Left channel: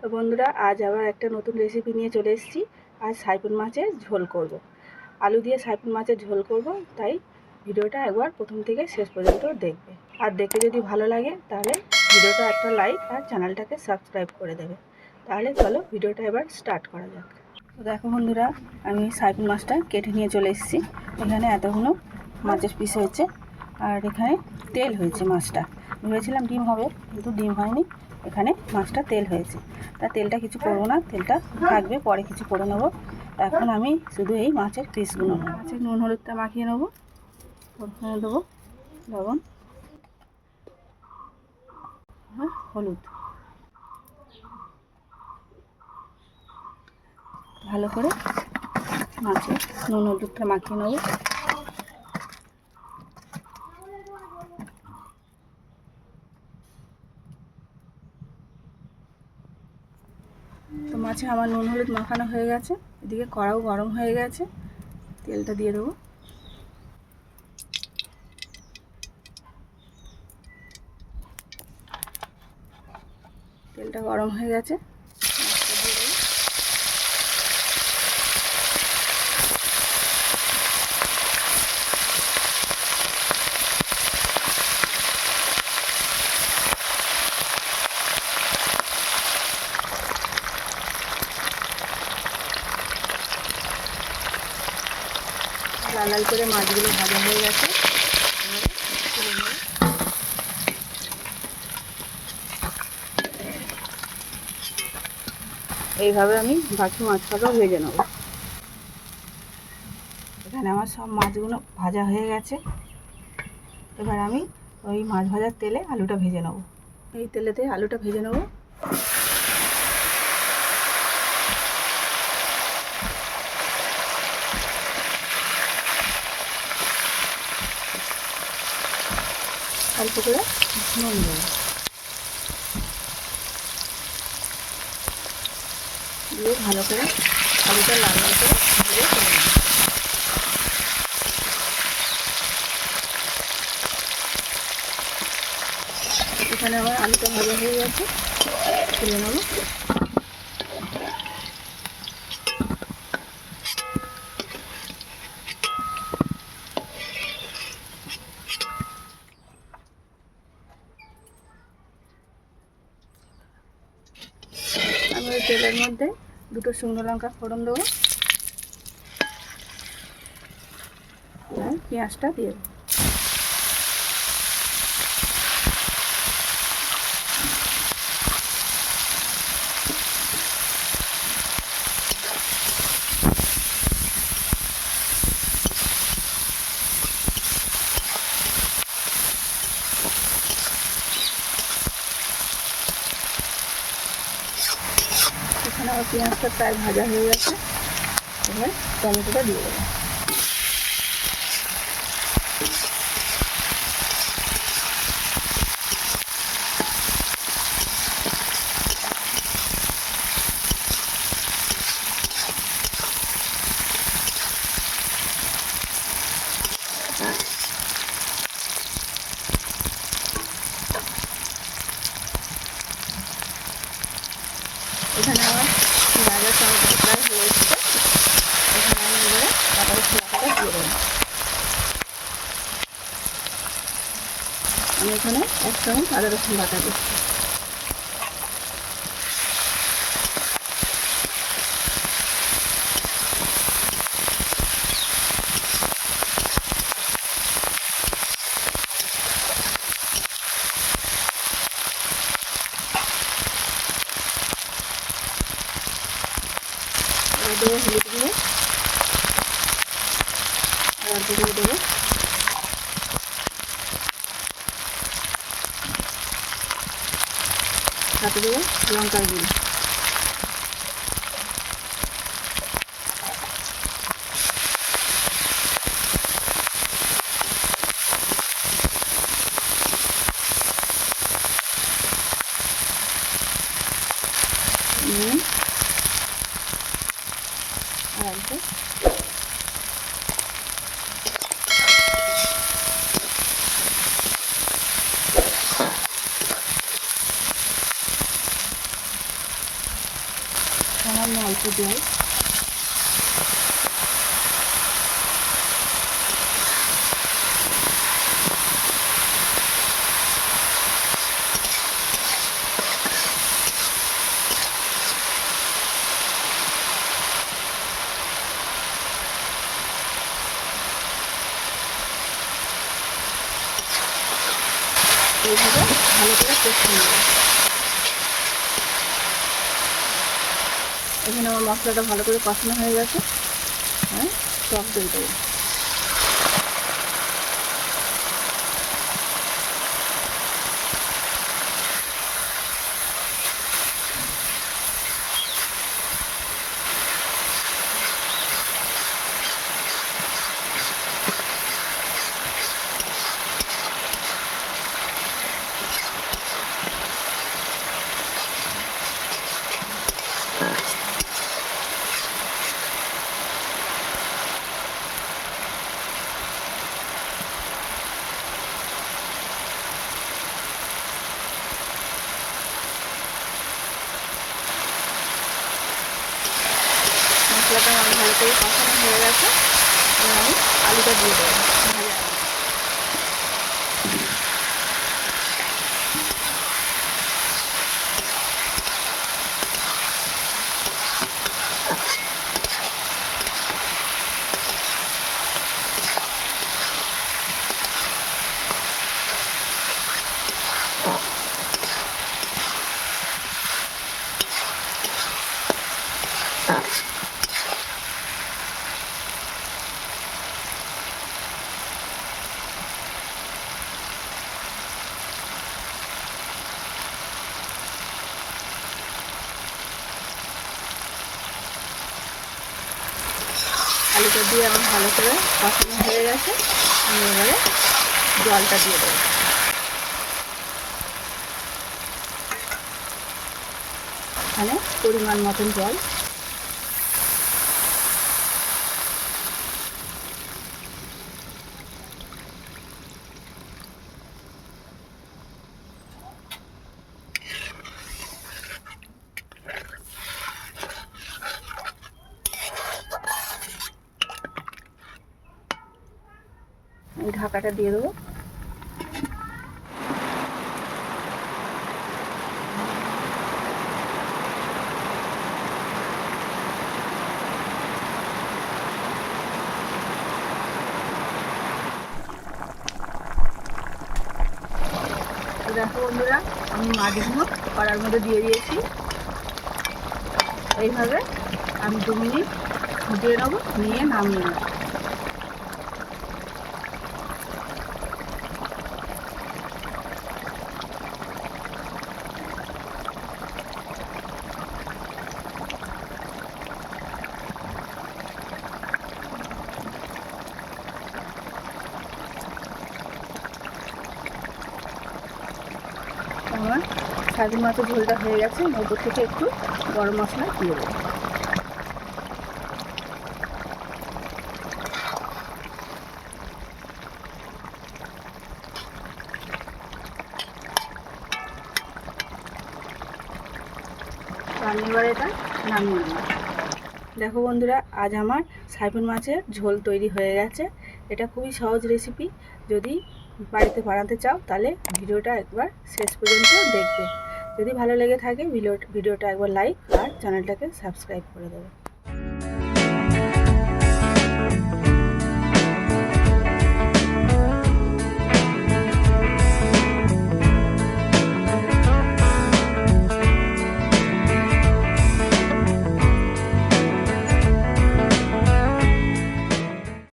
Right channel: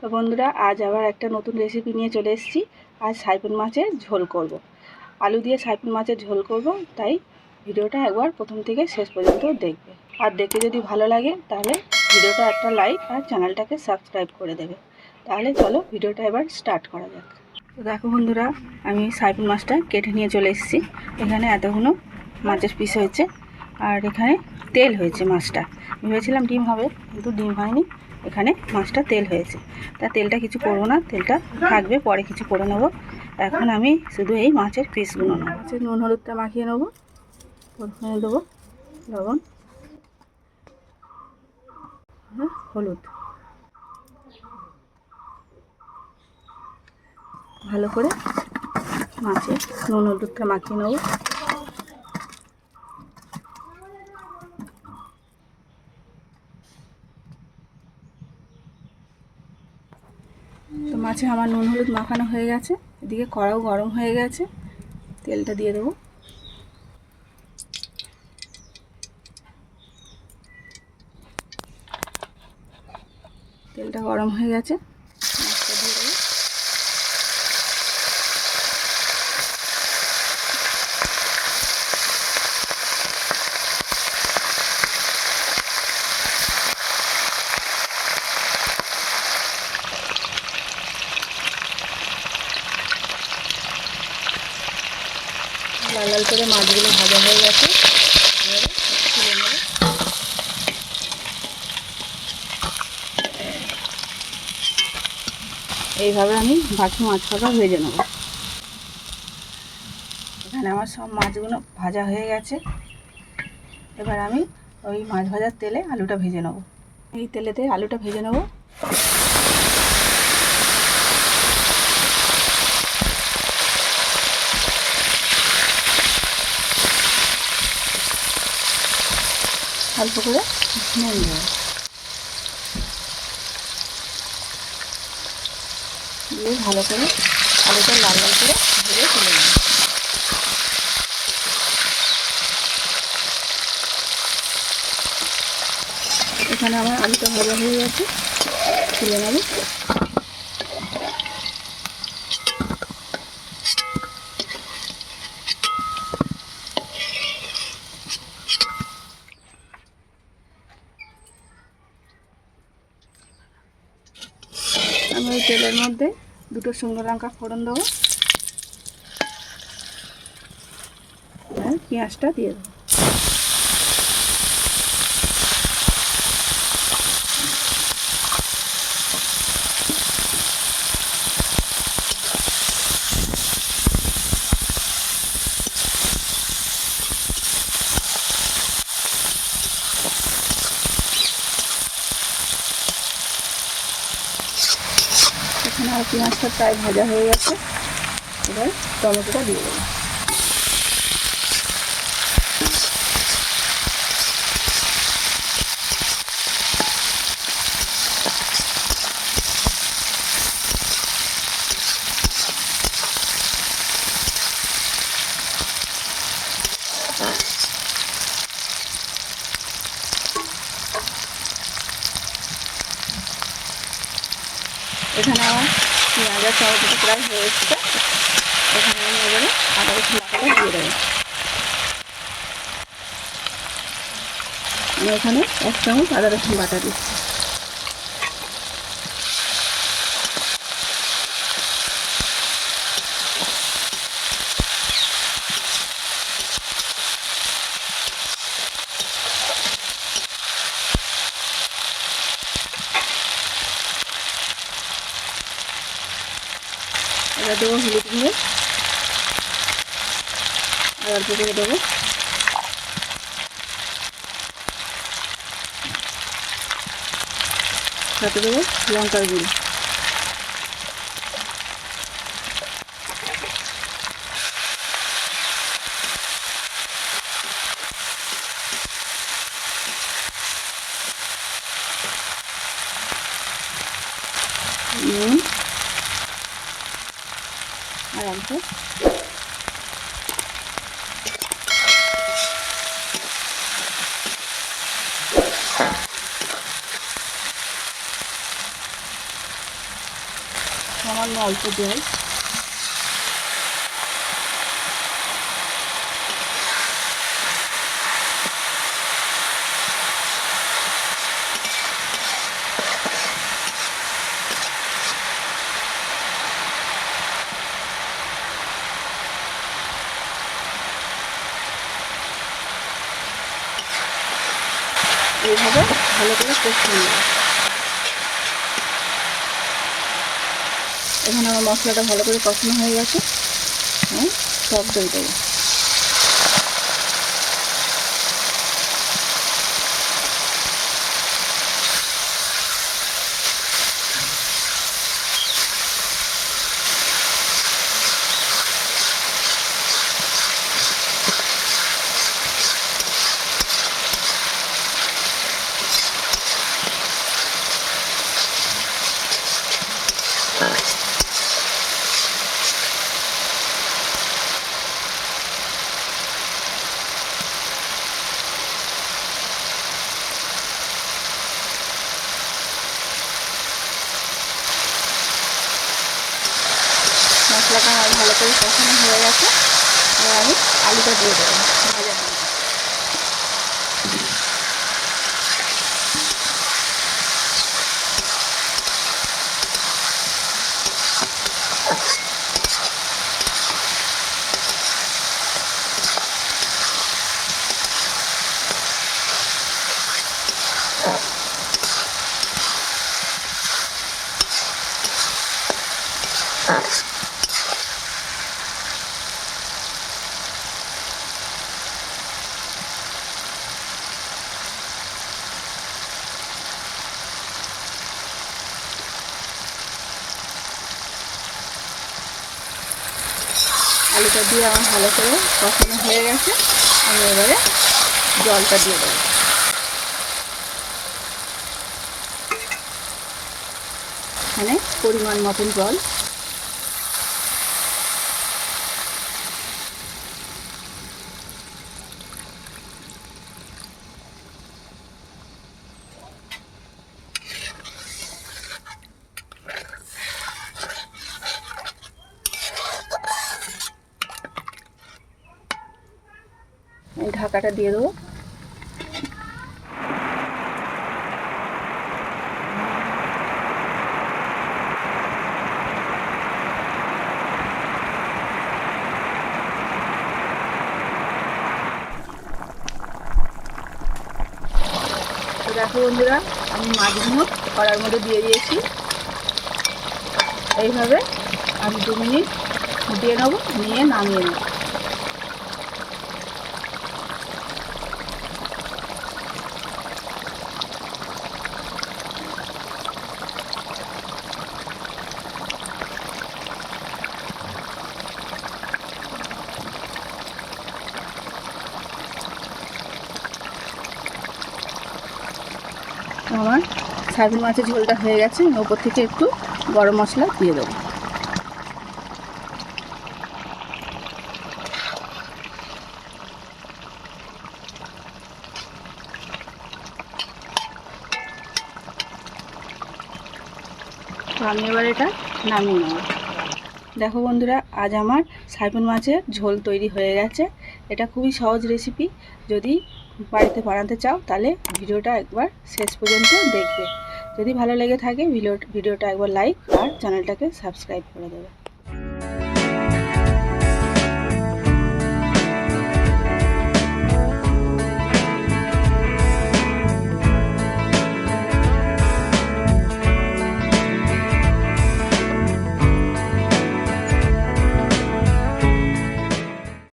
তো বন্ধুরা, আজ আবার একটা নতুন রেসিপি নিয়ে চলে এসেছি। আজ সাইপন মাছের ঝোল করব। আলু দিয়ে সাইপন মাছের ঝোল করব, তাই ভিডিওটা একবার প্রথম থেকে শেষ পর্যন্ত দেখবে। আর দেখতে যদি ভালো লাগে, তাহলে ভিডিওটা একটা লাইক আর চ্যানেলটাকে সাবস্ক্রাইব করে দেবে। তাহলে চলো ভিডিওটা এবার স্টার্ট করা যাক। তো দেখো বন্ধুরা, আমি সাইপন মাছটা কেটে নিয়ে চলে এসেছি। এখানে এতগুলো মাছের পিস হয়েছে। আর এখানে তেল হয়েছে মাছটা। ভেবেছিলাম ডিম হবে, কিন্তু ডিম হয়নি। এখানে মাছটা তেল হয়েছে। তা তেলটা কিছু করব না, তেলটা থাকবে, পরে কিছু করে নেব। এখন আমি শুধু এই মাছের পিসগুলো নেব। মাছের নুন, হলুদটা মাখিয়ে নেব। ওখানে দেবো লবণ। হ্যাঁ হলুদ। ভালো করে মাছের নুন, হলুদটা মাখিয়ে নেব তো মাছে আমার নুন হলুদ মাখানো হয়ে গেছে। এদিকে কড়াও গরম হয়ে গেছে। তেলটা দিয়ে দেবো। তেলটা গরম হয়ে গেছে মাছটা দিয়ে দেবো লাল করে মাছগুলো ভাজা হয়ে গেছে। এইভাবে আমি বাকি মাছটাকে ভেজে নেব। এখানে আমার সব মাছগুলো ভাজা হয়ে গেছে। এবার আমি ওই মাছ ভাজার তেলে আলুটা ভেজে নেব। এই তেলেতে আলুটা ভেজে নেব। অল্প করে নুন দেবো দিয়ে ভালো করে আলুটা লাল লাল করে ভেজে তুলে এখানে আমার আলুটা ভাজা হয়ে গেছে, তুলে ওই তেলের মধ্যে দুটো শুকনো লঙ্কা ফোড়ন দেবো। আর পেঁয়াজটা দিয়ে দেবো। এখানে আমার পেঁয়াজটা প্রায় ভাজা হয়ে গেছে। এবার টমেটোটা দিয়ে দেবো এখানে আমার পেঁয়াজের টমেটো প্রায় হয়ে এসেছে এখানে আমি এবারে আদা রসুন বাটাটা দিয়ে দেবো আমি এখানে এক চামচ আদা রসুন বাটা দিচ্ছি। দেবো হলুদ গুঁড়ো। আর দেবো সাথে দেবো লঙ্কার গুঁড়ো। নুন। আর অল্প সামান্য অল্প জল। এইভাবে ভালো করে কষিয়ে নেব এখানে আমার মশলাটা ভালো করে কষানো হয়ে গেছে। হ্যাঁ টক দই দেবো মশলাটা আমার ভালো করে কষানো হয়ে গেছে। আমি আলুটা দিয়ে দেবো ভেজে আলুটা। আলুটা দিয়ে আমার ভালো করে কষানো হয়ে গেছে। আমি এবারে জলটা দিয়ে দেবো। মানে পরিমাণ মতন জল। এই ঢাকাটা দিয়ে দেবো। দেখো বন্ধুরা, আমি মাছগুলো কড়ার মধ্যে দিয়ে দিয়েছি। এইভাবে আমি দু মিনিট দিয়ে নেব, নিয়ে নামিয়ে নেব আমার সাইবিন মাছের ঝোলটা হয়ে গেছে। ওপর থেকে একটু গরম মশলা দিয়ে দেবো। এবার এটা নামিয়ে নেব। দেখো বন্ধুরা, আজ আমার সাইপন মাছের ঝোল তৈরি হয়ে গেছে। এটা খুবই সহজ রেসিপি যদি বাড়িতে বানাতে চাও, তাহলে ভিডিওটা একবার শেষ পর্যন্ত দেখবে। যদি ভালো লেগে থাকে, ভিডিও ভিডিওটা একবার লাইক আর চ্যানেলটাকে সাবস্ক্রাইব করে দেবে।